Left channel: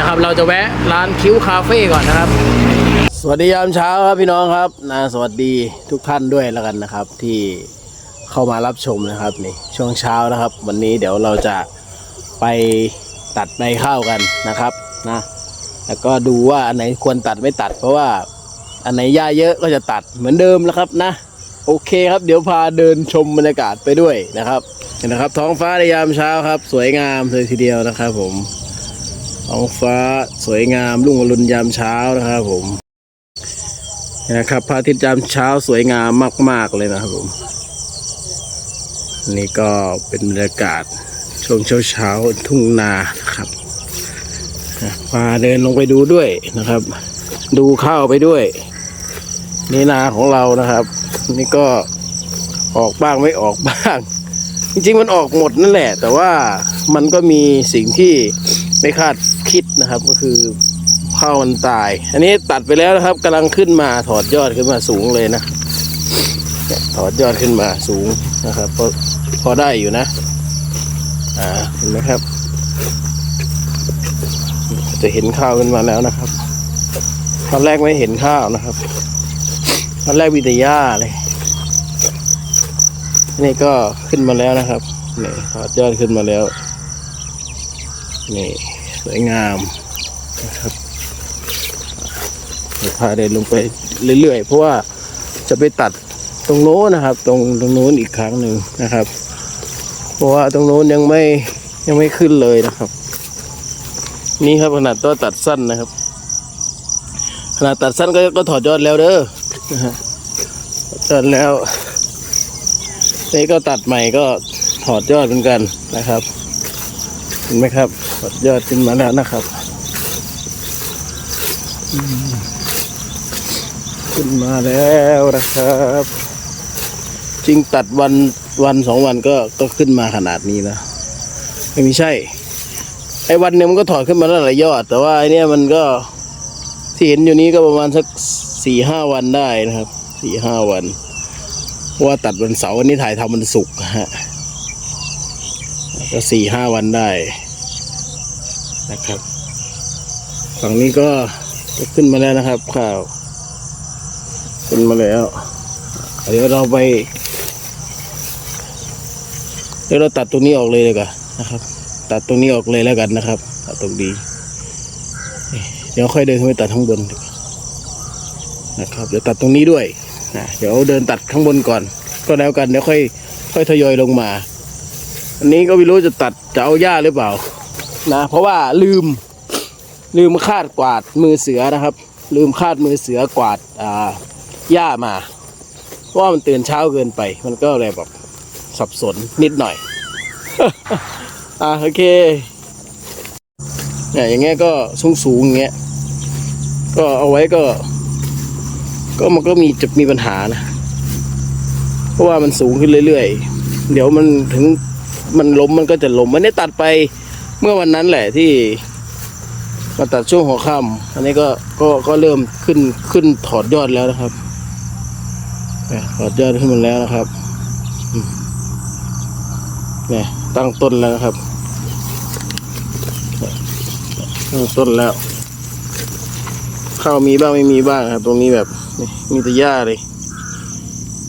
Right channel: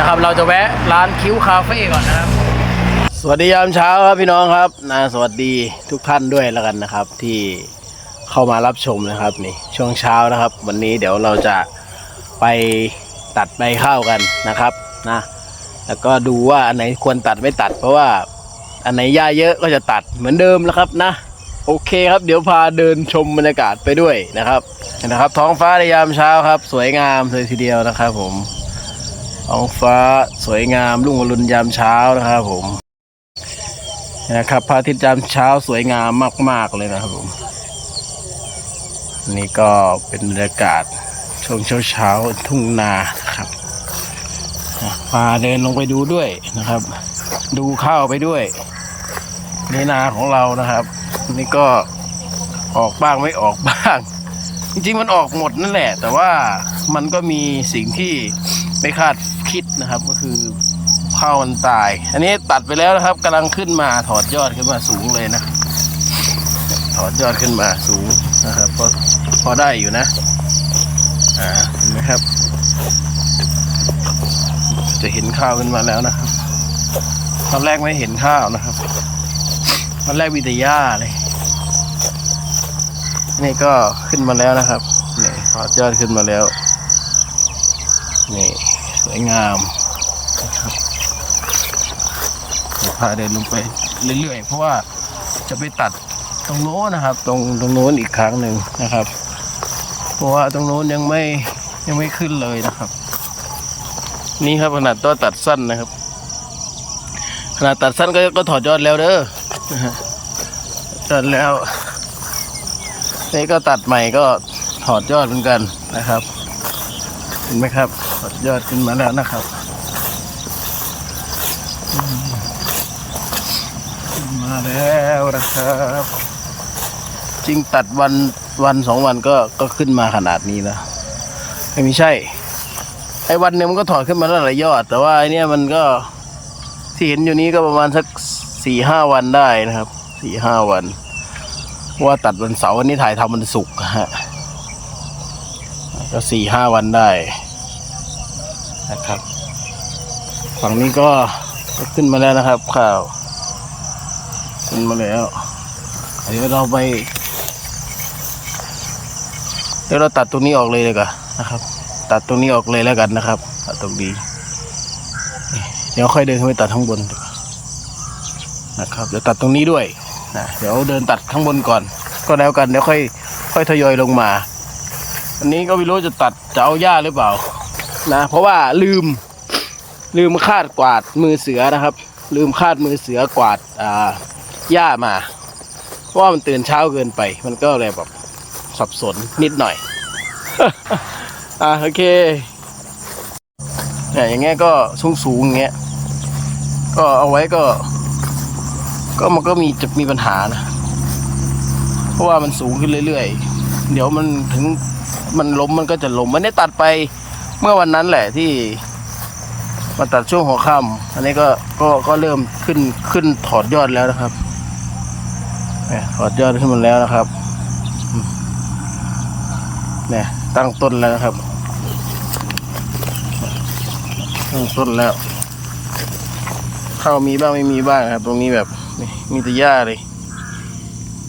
นะครับ เราจะแวะร้านคิ้วคาเฟ่ก่อนนะครับ สวัสดียามเช้าครับพี่น้องครับนะสวัสดีทุกท่านด้วยแล้วกันนะครับ ที่เข้ามารับชมนะครับนี่ช่วงเช้านะครับ วันนี้เดี๋ยวเราจะไปตัดใบข้าวกันนะครับนะแล้วก็ดูว่าอันไหนควรตัดไม่ตัด เพราะว่าอันไหนหญ้าเยอะก็จะตัดเหมือนเดิมแล้วครับนะ โอเคครับเดี๋ยวพาเดินชมบรรยากาศไปด้วยนะครับนะครับ ท้องฟ้าในยามเช้าครับ สวยงามเลยทีเดียวนะครับผม ท้องฟ้าสวยงามรุ่งอรุณยามเช้านะครับผมนะครับพระอาทิตย์ยามเช้าสวยงามมาก ๆ เลยนะครับผมนี่ก็เป็นบรรยากาศช่วงเช้าๆทุ่งนาครับพาเดินลงไปดูด้วยนะครับ ดูข้าวไปด้วยนี่นาของเรานะครับ นี่ก็ออกบ้างไม่ออกบ้าง จริงๆมันออกหมดนั่นแหละ แต่ว่ามันก็มีสิ่งที่ ไม่คาดคิดนะครับก็คือข้าวมันตาย อันนี้ตัดไปแล้วนะครับกำลังขึ้นมาถอดยอดขึ้นมาสูงเลยนะถอดยอดขึ้นมาสูงนะครับพอพอได้อยู่นะ อ่าเห็นไหมครับ จะเห็นข้าวขึ้นมาแล้วนะครับ ตอนแรกไม่เห็นข้าวนะครับ ตอนแรกมีแต่หญ้าเลยนี่ก็ขึ้นมาแล้วนะครับนี่ถอดยอดขึ้นมาแล้วนี่ สวยงามนะครับเดี๋ยวพาเดินลงไปเรื่อยๆ เพราะว่าจะไปตัดตรงโน้นนะครับ ตรงตรงโน้นอีกครั้งหนึ่งนะครับ เพราะว่าตรงโน้นยังไม่ยังไม่ขึ้นเลยนะครับ นี่ครับขนาดตัวตัดสั้นนะครับ ขนาดตัดสั้นก็ก็ถอดยอดแล้วเด้อนะฮะถอดแล้วนี่ก็ตัดใหม่ก็ถอดยอดเหมือนกันนะครับ เห็นไหมครับ ถอดยอดขึ้นมาแล้วนะครับ ขึ้นมาแล้วนะครับจริงตัดวันวันสองวันก็ก็ขึ้นมาขนาดนี้แล้วไม่ใช่ ไอ้วันหนึงมันก็ถอดขึ้นมาแล้วหลายยอด แต่ว่าไอ้เนี่ยมันก็ที่เห็นอยู่นี้ก็ประมาณสักสี่ห้าวันได้นะครับสี่ห้าวันว่าตัดวันเสาร์วันนี้ถ่ายทำวันศุกร์ฮะก็สี่ห้าวันได้ นะครับ ฝั่งนี้ก็ก็ขึ้นมาแล้วนะครับข้าว ขึ้นมาแล้วเดี๋ยวเราไป เดี๋ยวเราตัดตรงนี้ออกเลยเลยกันนะครับ ตัดตรงนี้ออกเลยแล้วกันนะครับ ตัดตรงนี้นี่เดี๋ยวค่อยเดินขึ้นไปตัดข้างบนนะครับ เดี๋ยวตัดตรงนี้ด้วยนะเดี๋ยวเดินตัดข้างบนก่อน ก็แล้วกันเดี๋ยวค่อย ค่อยทยอยลงมา อันนี้ก็ไม่รู้จะตัดจะเอาหญ้าหรือเปล่า นะ เพราะว่าลืมลืมคาดกวาดมือเสือนะครับ ลืมคาดมือเสือกวาดอ่าหญ้ามาเพราะว่ามันตื่นเช้าเกินไป มันก็เลยแบบสับสนนิดหน่อย อ่าโอเคเนี่ยอย่างเงี้ยก็สูงสูงอย่างเงี้ยก็เอาไว้ก็ ก็มันก็มีจะมีปัญหานะ เพราะว่ามันสูงขึ้นเรื่อยๆ เดี๋ยวมันถึงมันล้มมันก็จะล้มมันได้ตัดไป เมื่อวันนั้นแหละที่มาตัดช่วงหัวค่ำอันนี้ก็ก็ก็เริ่มขึ้นขึ้นถอดยอดแล้วนะครับเนี่ยถอดยอดขึ้นมาแล้วนะครับเนี่ยตั้งต้นแล้วนะครับตั้งต้นแล้ว ข้าวมีบ้างไม่มีบ้างครับ ตรงนี้แบบมีแต่หญ้าเลย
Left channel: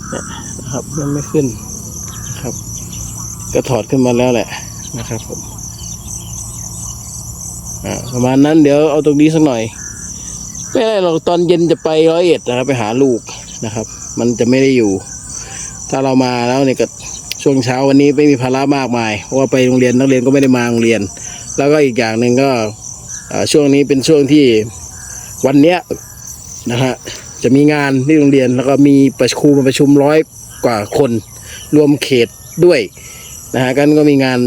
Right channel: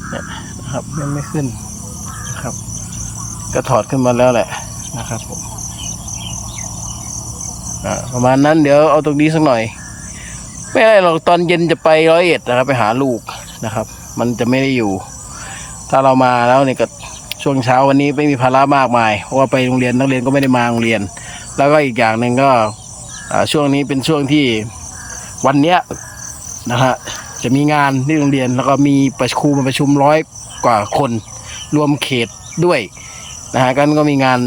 เนี่ยนะครับยังไม่ขึ้นนะครับ ก็ถอดขึ้นมาแล้วแหละนะครับผม ประมาณนั้นเดี๋ยวเอาตรงนี้สักหน่อย ไม่ได้หรอกตอนเย็นจะไปร้อยเอ็ดนะครับ ไปหาลูกนะครับ มันจะไม่ได้อยู่ ถ้าเรามาแล้วเนี่ยก็ช่วงเช้าวันนี้ไม่มีภาระมากมายเพราะว่าไปโรงเรียนนักเรียนก็ไม่ได้มาโรงเรียน แล้วก็อีกอย่างหนึ่งก็ช่วงนี้เป็นช่วงที่วันเนี้ยนะฮะจะมีงานที่โรงเรียนแล้วก็มีประชุมประชุมร้อยกว่าคน รวมเขตด้วยนะฮะกันก็มีงาน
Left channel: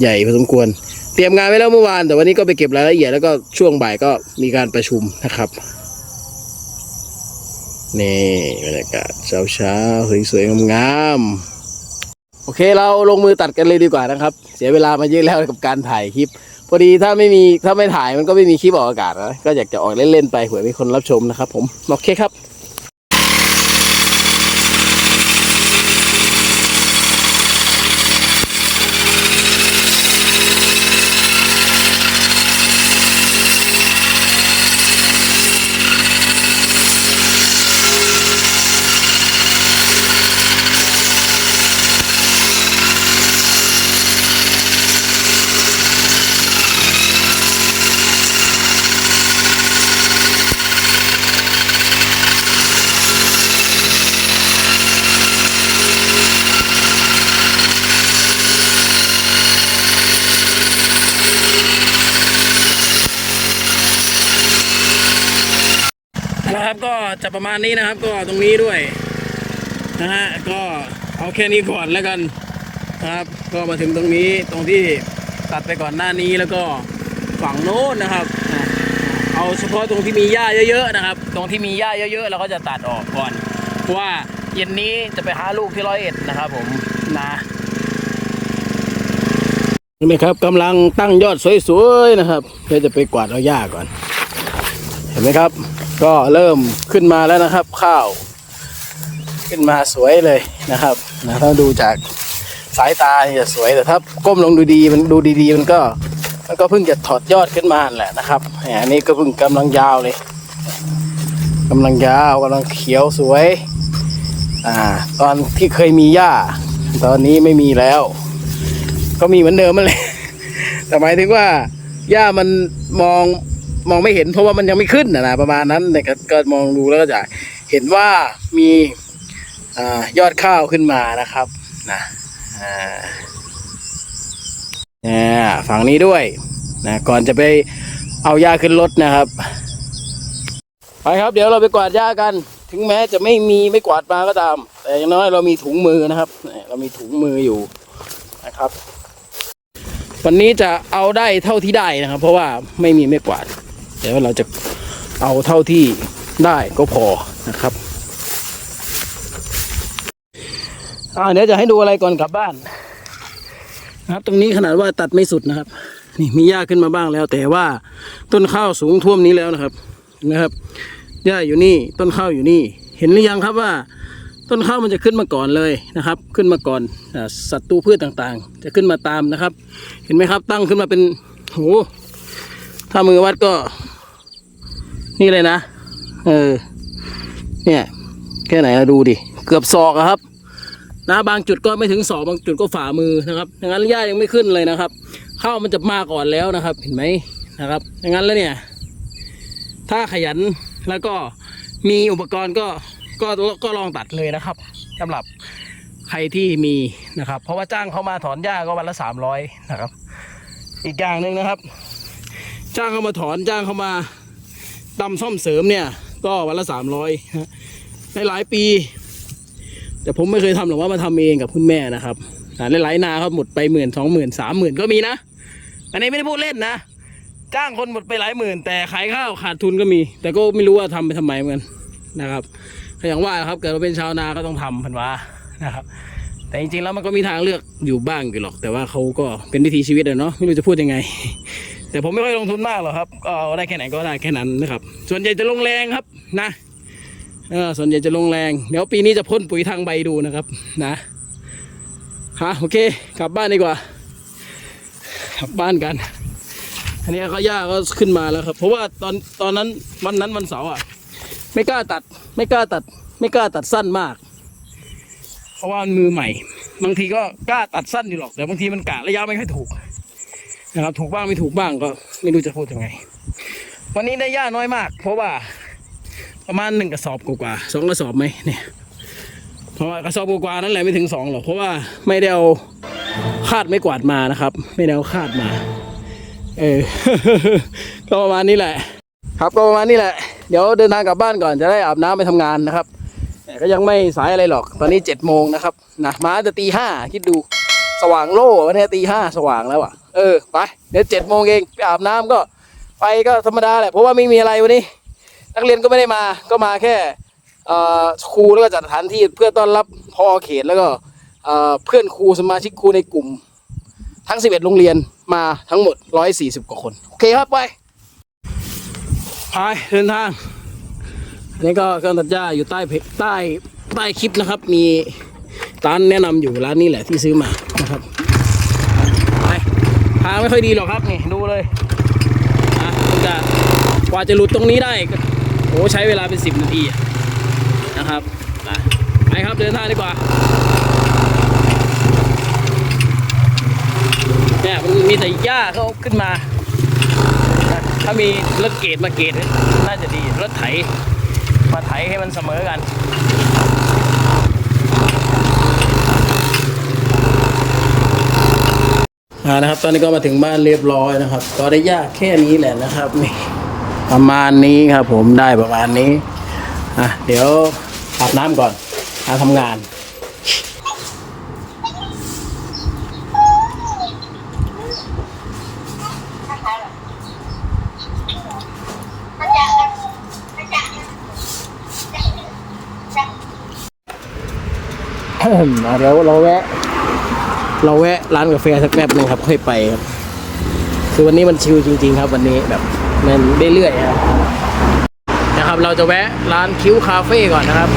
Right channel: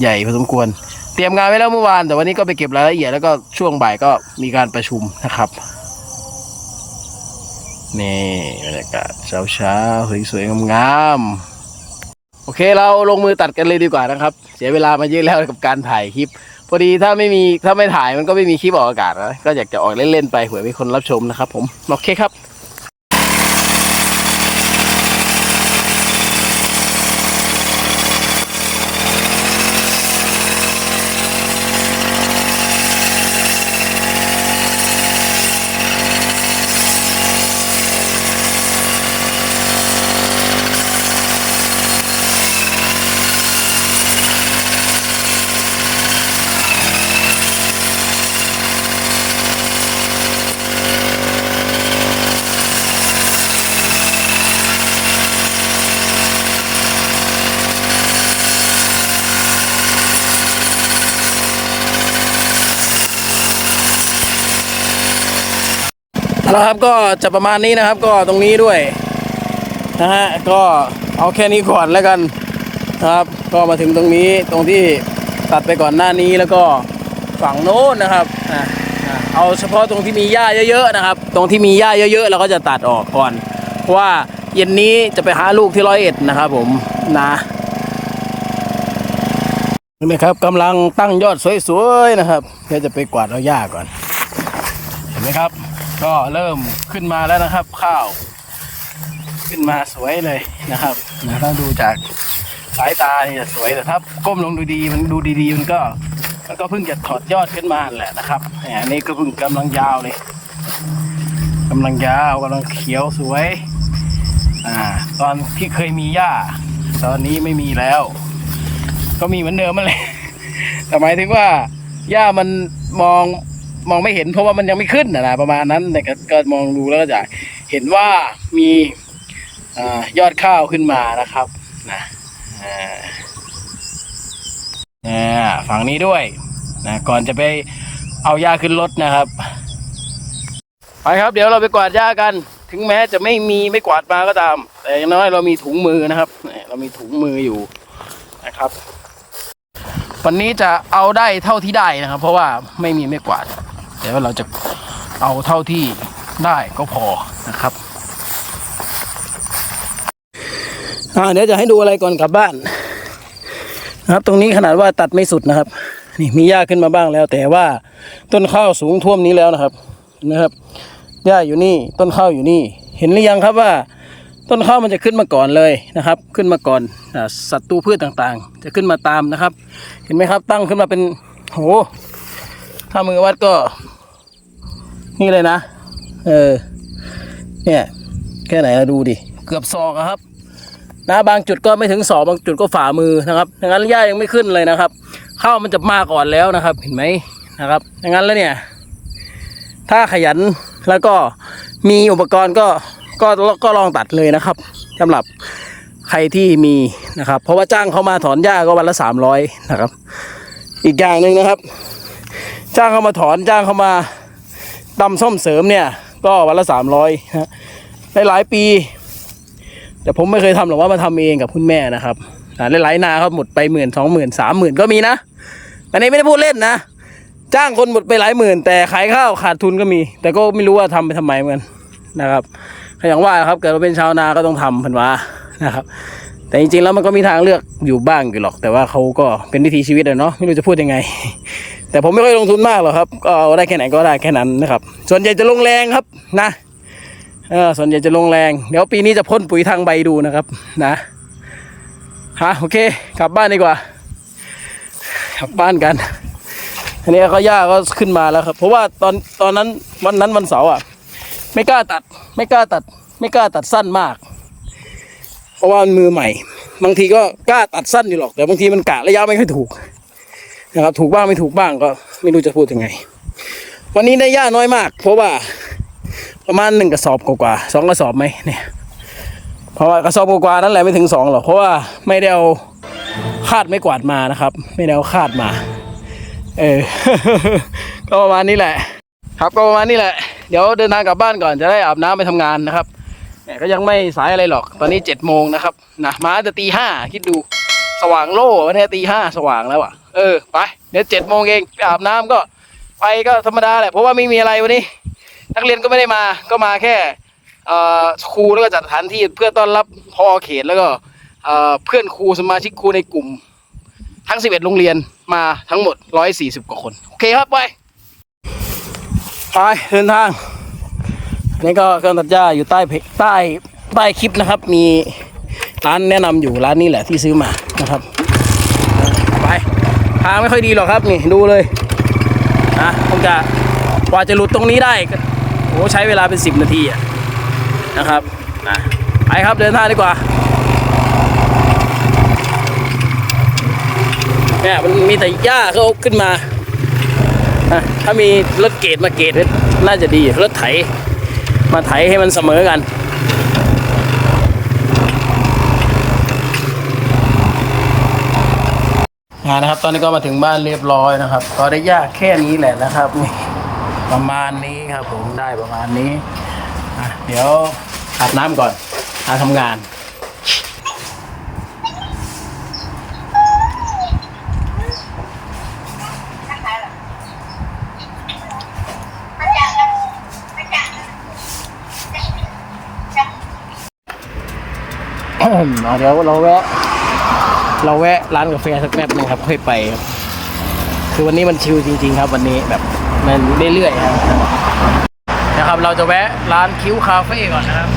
ใหญ่พอสมควร เตรียมงานไว้แล้วเมื่อวาน แต่วันนี้ก็ไปเก็บรายละเอียดแล้วก็ช่วงบ่ายก็มีการประชุมนะครับ นี่บรรยากาศเช้าเช้าๆสวยๆงามๆโอเคเราลงมือตัดกันเลยดีกว่านะครับ เสียเวลามาเยอะแล้วกับการถ่ายคลิป พอดีถ้าไม่มีถ้าไม่ถ่ายมันก็ไม่มีคลิปออกอากาศนะก็อยากจะออกเล่นๆไปเผื่อมีคนรับชมนะครับ ผมโอเคครับ นะครับ ก็จะประมาณนี้นะครับ ก็ตรงนี้ด้วยนะฮะก็เอาแค่นี้ก่อนแล้วกันนะครับ ก็มาถึงตรงนี้ตรงที่ตัดไปก่อนหน้านี้แล้วก็ฝั่งโน้นนะครับเอาเฉพาะตรงที่มีหญ้าเยอะๆนะครับ ตรงที่มีหญ้าเยอะๆเราก็จะตัดออกก่อนเพราะว่าเย็นนี้จะไปหาลูกที่ร้อยเอ็ดนะครับ ผมนะเห็นไหมครับกำลังตั้งยอดสวยๆนะครับเดี๋ยวจะไปกวาดเอาหญ้าก่อน เห็นไหมครับ ก็เริ่มขึ้นมาแล้วนะครับ ข้าว ขึ้นมาสวยเลยนะครับนะถ้าดูจากสายตาจะสวยแต่ถ้าก้มลงดูดีมันดูดีๆมันก็มันก็เพิ่งจะถอดยอดขึ้นมาแหละนะครับอันนี้ก็เพิ่งกำลังยาวเลยกำลังยาวกำลังเขียวสวยอ่าตอนที่เคยมีหญ้า ตอนนี้ไม่มีแล้ว ก็มีเหมือนเดิมมันเลยแต่หมายถึงว่าหญ้ามันมอง มองไม่เห็นเพราะว่ามันยังไม่ขึ้นนะนะประมาณนั้นแต่ก็ก็มองดูแล้วก็จะเห็นว่ามีอยอดข้าวขึ้นมานะครับนะนะฝั่งนี้ด้วยนะก่อนจะไปเอาหญ้าขึ้นรถนะครับไปครับ เดี๋ยวเราไปกวาดหญ้ากัน ถึงแม้จะไม่มีไม่กวาดมาก็ตาม แต่อย่างน้อยเรามีถุงมือนะครับ เรามีถุงมืออยู่นะครับ วันนี้จะเอาได้เท่าที่ได้นะครับ เพราะว่าไม่มีไม่กวาด แต่ว่าเราจะเอาเท่าที่ได้ก็พอนะครับอ่าเดี๋ยวจะให้ดูอะไรก่อนกลับบ้านนะครับ ตรงนี้ขนาดว่าตัดไม่สุดนะครับ นี่มีหญ้าขึ้นมาบ้างแล้ว แต่ว่าต้นข้าวสูงท่วมนี้แล้วนะครับนะครับหญ้าอยู่นี่ต้นข้าวอยู่นี่ เห็นหรือยังครับว่า ต้นข้าวมันจะขึ้นมาก่อนเลยนะครับ ขึ้นมาก่อนอ่าศัตรูพืชต่างๆ จะขึ้นมาตามนะครับ เห็นไหมครับตั้งขึ้นมาเป็นโหถ้ามือวัดก็ นี่เลยนะ เออ เนี่ย แค่ไหนเราดูดิ เกือบศอกครับ นะบางจุดก็ไม่ถึงศอกบางจุดก็ฝ่ามือนะครับดังนั้นหญ้ายังไม่ขึ้นเลยนะครับ ข้าวมันจะมาก่อนแล้วนะครับ เห็นไหมนะครับดังนั้นแล้วเนี่ย ถ้าขยันแล้วก็มีอุปกรณ์ก็ก็ก็ลองตัดเลยนะครับสำหรับใครที่มีนะครับ เพราะว่าจ้างเขามาถอนหญ้าก็วันละสามร้อยนะครับ อีกอย่างหนึ่งนะครับ จ้างเขามาถอนจ้างเขามา ตำส้มเสริมเนี่ย ก็วันละสามร้อยฮะในหลายปี แต่ผมไม่เคยทำหรอกว่ามาทำเองกับคุณแม่นะครับอ่าหลายๆนาครับหมดไปหมื่นสองหมื่นสามหมื่นก็มีนะ อันนี้ไม่ได้พูดเล่นนะ จ้างคนหมดไปหลายหมื่น แต่ขายข้าวขาดทุนก็มี แต่ก็ไม่รู้ว่าทำไปทำไมเหมือนนะครับก็อย่างว่าครับเกิดมาเป็นชาวนาก็ต้องทำเพันว่านะครับ แต่จริงๆแล้วมันก็มีทางเลือกอยู่บ้างอยู่หรอก แต่ว่าเขาก็เป็นวิถีชีวิตอะเนาะไม่รู้จะพูดยังไง แต่ผมไม่ค่อยลงทุนมากหรอกครับ ก็เอาได้แค่ไหนก็ได้แค่นั้นนะครับ ส่วนใหญ่จะลงแรงครับนะเออส่วนใหญ่จะลงแรง เดี๋ยวปีนี้จะพ่นปุ๋ยทางใบดูนะครับ นะฮะโอเค กลับบ้านดีกว่า กลับบ้านกันอันนี้ก็ย่าก็ขึ้นมาแล้วครับ เพราะว่าตอนตอนนั้นวันนั้นวันเสาร์อะ ไม่กล้าตัด ไม่กล้าตัด ไม่กล้าตัดสั้นมาก เพราะว่ามือใหม่ บางทีก็กล้าตัดสั้นอยู่หรอกแต่บางทีมันกะระยะไม่ค่อยถูก นะครับถูกบ้างไม่ถูกบ้างก็ไม่รู้จะพูดยังไง วันนี้ได้หญ้าน้อยมาก เพราะว่าประมาณหนึ่งกระสอบกว่าสองกระสอบไหมเนี่ย เพราะว่ากระสอบกว่านั่นแหละไม่ถึงสองหรอกเพราะว่าไม่ได้เอาคาดไม่กวาดมานะครับ ไม่ได้เอาคาดมา เออก็ประมาณนี้แหละ ครับก็ประมาณนี้แหละ เดี๋ยวเดินทางกลับบ้านก่อนจะได้อาบน้ำไปทำงานนะครับแต่ก็ยังไม่สายอะไรหรอก ตอนนี้เจ็ดโมงนะครับนะมาแต่ตีห้าคิดดูสว่างโล่วันนี้ตีห้าสว่างแล้วอะ เออไปเดี๋ยวเจ็ดโมงเองไปอาบน้ำก็ไปก็ธรรมดาแหละเพราะว่าไม่มีอะไรวันนี้ นักเรียนก็ไม่ได้มาก็มาแค่ครูแล้วก็จัดสถานที่เพื่อต้อนรับพอเขตแล้วก็เพื่อนครูสมาชิกครูในกลุ่ม ทั้ง 11 โรงเรียนมาทั้งหมด 140 กว่าคน โอเคครับไปไปเดินทางอันนี้ก็เครื่องตัดหญ้าอยู่ใต้เพจใต้ใต้คลิปนะครับ มีร้านแนะนำอยู่ร้านนี้แหละที่ซื้อมานะครับ ทางไม่ค่อยดีหรอกครับนี่ดูเลยนะผมจะกว่าจะหลุดตรงนี้ได้ก็โอ้ใช้เวลาเป็น 10 นาทีอะนะครับนะไปครับเดินทางดีกว่าเนี่ยมันมีแต่หญ้าเขาขึ้นมา ถ้ามีรถเกตมาเกตน่าจะดีรถไถมาไถให้มันเสมอกัน อ่า นะครับ ตอนนี้ก็มาถึงบ้านเรียบร้อยนะครับ ก็ได้ยากแค่นี้แหละนะครับนี่ประมาณนี้ครับ ผมได้ประมาณนี้อะเดี๋ยวอาบน้ำก่อนอาทำงานเอาเดี๋ยวเราแวะ เราแวะร้านกาแฟสักแป๊บหนึ่งครับค่อยไปครับ คือวันนี้มันชิลจริง ๆ ครับ วันนี้แบบมันเรื่อยๆครับนะครับ เราจะแวะร้านคิ้วคาเฟ่ก่อนนะครับ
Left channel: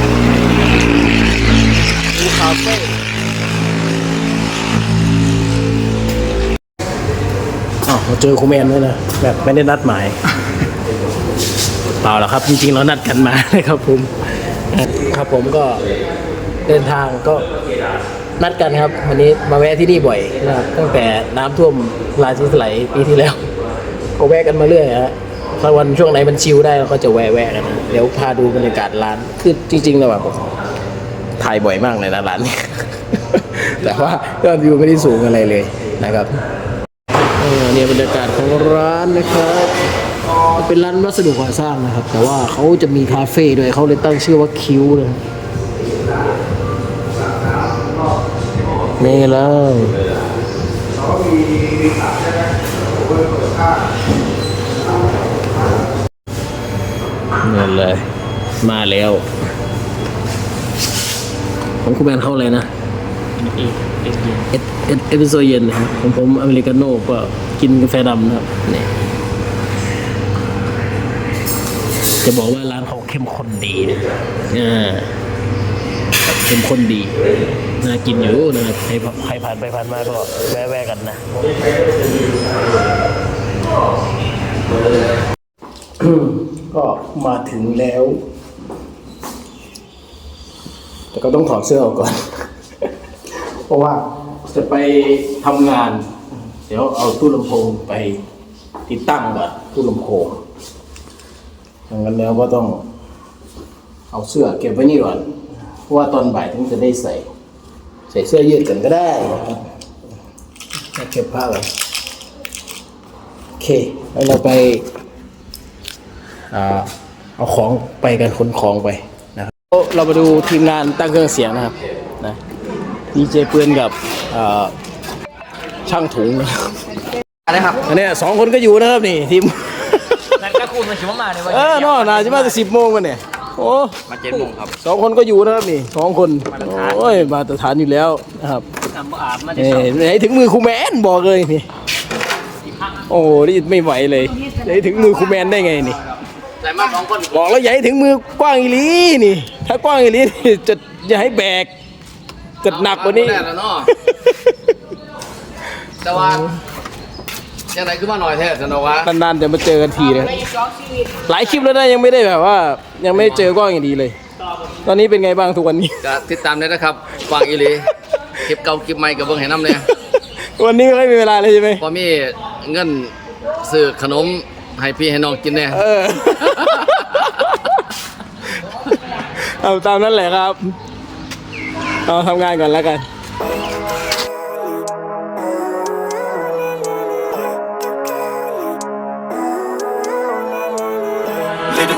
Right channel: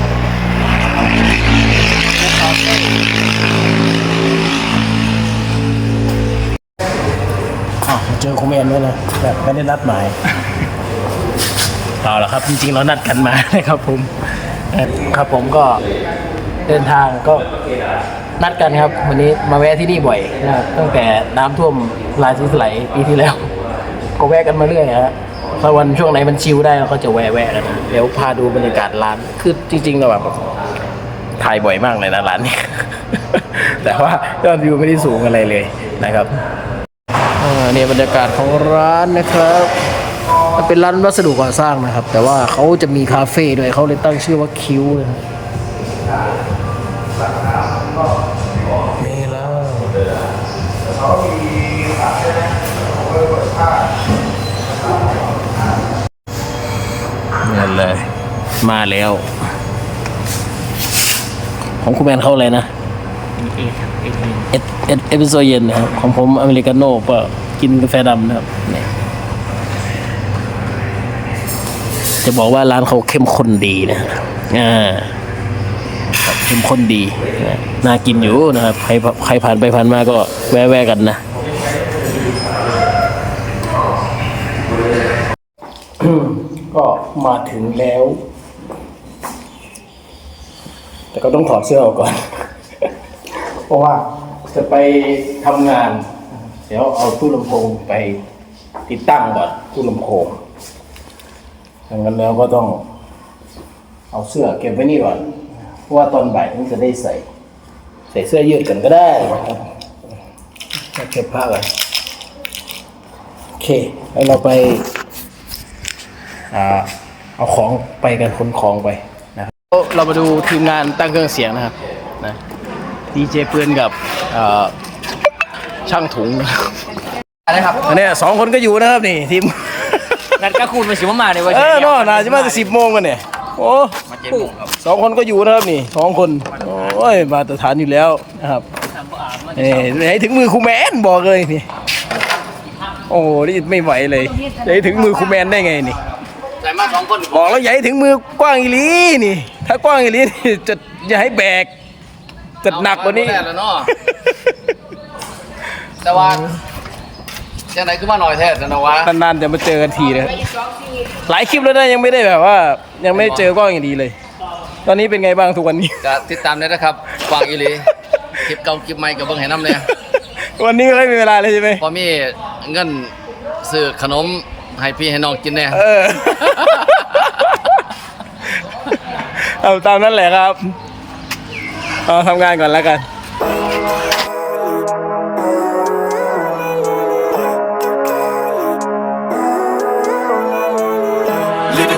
คิ้วคาเฟ่อ้าเจอครูแมนด้วยนะแบบไม่ได้นัดหมายเปล่าหรอกครับ จริงๆเรานัดกันมานะครับผมครับผมก็เดินทางก็ นัดกันครับ วันนี้มาแวะที่นี่บ่อยนะครับตั้งแต่น้ำท่วมลาชิสไหลปีที่แล้ว ก็แวะกันมาเรื่อยฮะถ้าวันช่วงไหนมันชิลได้เราก็จะแวะแวะกันนะเดี๋ยวพาดูบรรยากาศร้านคือจริงๆเราแบบถ่ายบ่อยมากเลยนะร้านนี้แต่ว่ายอดวิวไม่ได้สูงอะไรเลยนะครับเออเนี่ยบรรยากาศของร้านนะครับเป็นร้านวัสดุก่อสร้างนะครับ แต่ว่าเขาจะมีคาเฟ่ด้วยเขาเลยตั้งชื่อว่าคิวนะครับ นี่แล้วเนี่ยเลย มาแล้ว ของคุณแมนเข้าอะไรนะเอสเอสเอสเปสโซเย็นนะครับของผมอเมริกาโน่ก็กินกาแฟดำนะครับนี่จะบอกว่าร้านเขาเข้มข้นดีนะอ่า ครับเข้มข้นดี น่ากินอยู่นะครับ ใครใครผ่านไปผ่านมาก็แวะๆกันนะก็มาถึงแล้ว แต่ก็ต้องถอดเสื้อออกก่อน เพราะว่าจะไปทำงาน เดี๋ยวเอาตู้ลำโพงไปติดตั้งก่อนตู้ลำโพงดังนั้นแล้วก็ต้องเอาเสื้อเก็บไว้นี่ก่อน เพราะว่าตอนบ่ายถึงจะได้ใส่ ใส่เสื้อยืดกันก็ได้นะครับแล้วเก็บผ้าก่อนโอเคแล้วเราไปอ่าเอาของไปกันขนของไปนะครับเรามาดูทีมงานตั้งเครื่องเสียงนะครับนะดีเจปืนกับอ่าช่างถุงนะครับอะไรครับอันเนี้ยสองคนก็อยู่นะครับนี่ทีมนัดก็คูณมาชิมมาเลยเว้ยเออนอนอาจะมาจะสิบโมงกันเนี่ย โอ้มาเจ็ดโมงครับสองคนก็อยู่นะครับนี่สองคนโอ้ยมาตรฐานอยู่แล้วนะครับทำอาบมาเอ้ยไหนถึงมือครูแมนบอกเลยนี่โอ้นี่ไม่ไหวเลยไหนถึงมือครูแมนได้ไงนี่ใส่มาสองคนบอกแล้วอย่าให้ถึงมือกว้างอีหลีนี่ ถ้ากว้างอีหลีนี่จะอย่าให้แบกจะหนักกว่านี้แล้วเนาะแต่ว่า ยังไงขึ้นมาหน่อยแท้สนวะนานๆจะมาเจอกันทีนะครับหลายคลิปแล้วนะยังไม่ได้แบบว่า ยังไม่ได้เจอกว้างอย่างดีเลย ตอนนี้เป็นไงบ้างทุกวันนี้ ก็ติดตามได้นะครับฟังอีหลีคลิปเก่าคลิปใหม่กับเบิ้งให้น้ำเลยวันนี้ไม่ค่อยมีเวลาเลยใช่ไหมพอมีเงินซื้อขนมให้พี่ให้น้องกินแน่เออเอาตามนั้นแหละครับเอาทำงานก่อนแล้วกัน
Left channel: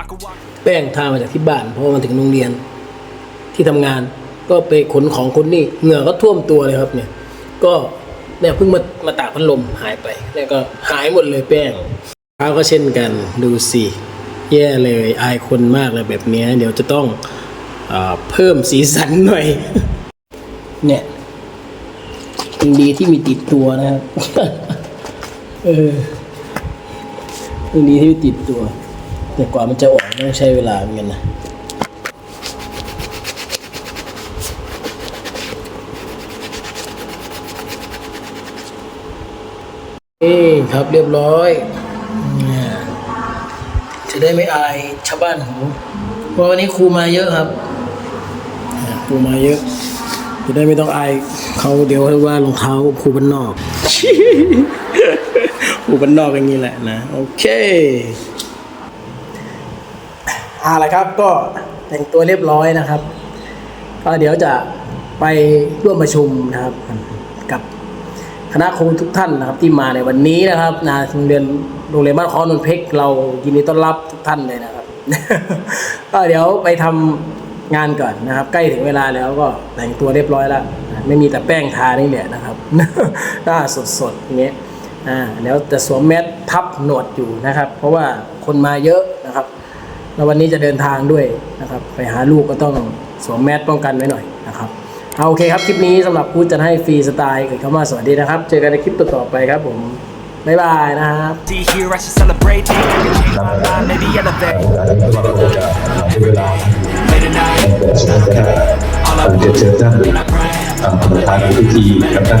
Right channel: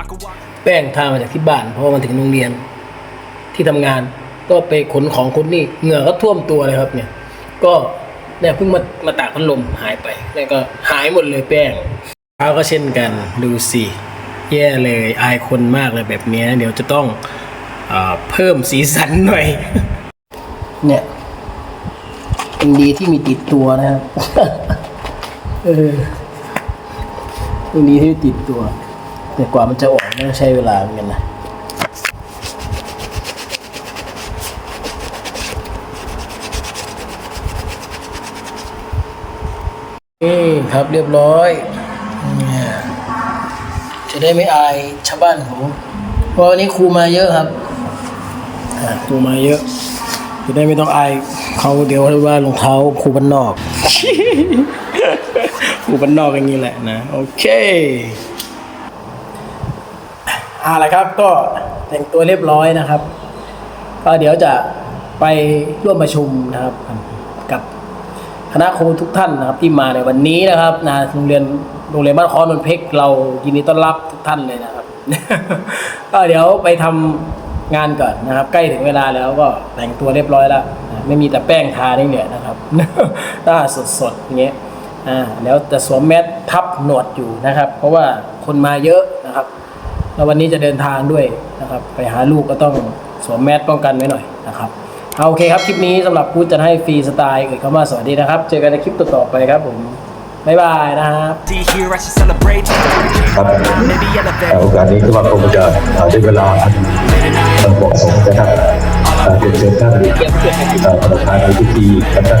I could walk. แป้งทามาจากที่บ้าน เพราะว่ามันถึงโรงเรียนที่ทำงาน ก็ไปขนของคนนี่เหงื่อก็ท่วมตัวเลยครับ เนี่ย ก็เนี่ยเพิ่งมามาตากพัดลมหายไป แล้วก็หายหมดเลยแป้งเท้าก็เช่นกันดูสิแย่เลยอายคนมากเลยแบบนี้เดี๋ยวจะต้องอเพิ่มสีสันหน่อย เนี่ยยังดีที่มีติดตัวนะครับ เออยังดีที่ติดตัว แต่กว่ามันจะออกต้องใช้เวลาเหมือนกันนะเอ้ครับเรียบร้อยจะได้ไม่อายชาวบ้านเขาเพราะวันนี้ครูมาเยอะครับอ่าครูมาเยอะ จะได้ไม่ต้องอายเขาเดี๋ยวว่ารองเท้าครูบ้านนอกครูบ้านนอกอย่างนี้แหละนะ โอเค เอาละครับก็แต่งตัวเรียบร้อยนะครับ ก็เดี๋ยวจะไปร่วมประชุมนะครับ กับคณะครูทุกท่านนะครับที่มาในวันนี้นะครับนะโรงเรียนโรงเรียนบ้านคอนนเพชรเรายินดีต้อนรับทุกท่านเลยนะครับ ก็เดี๋ยวไปทำงานก่อนนะครับ ใกล้ถึงเวลาแล้วก็แต่งตัวเรียบร้อยแล้วไม่มีแต่แป้งทานี่แหละนะครับหน้าสดๆอย่างเงี้ยอ่าเดี๋ยวจะสวมแมสทับหนวดอยู่นะครับ เพราะว่าคนมาเยอะนะครับ แล้ววันนี้จะเดินทางด้วยนะครับ ไปหาลูกก็ต้องสวมแมสป้องกันไว้หน่อยนะครับเอาโอเคครับ คลิปนี้สำหรับพูดจะให้ฟรีสไตล์เอ่ยคำว่าสวัสดีนะครับ เจอกันในคลิปต่อๆไปครับผม บ๊ายบายนะครับ See here, I should celebrate. I can change my mind, maybe elevate. การนี้ก็คงจะใช้เวลา Late at night, เหมาะสมนะครับเอ่อเรียนเชิญท่านเอ่อประธานในพิธีกับท่าน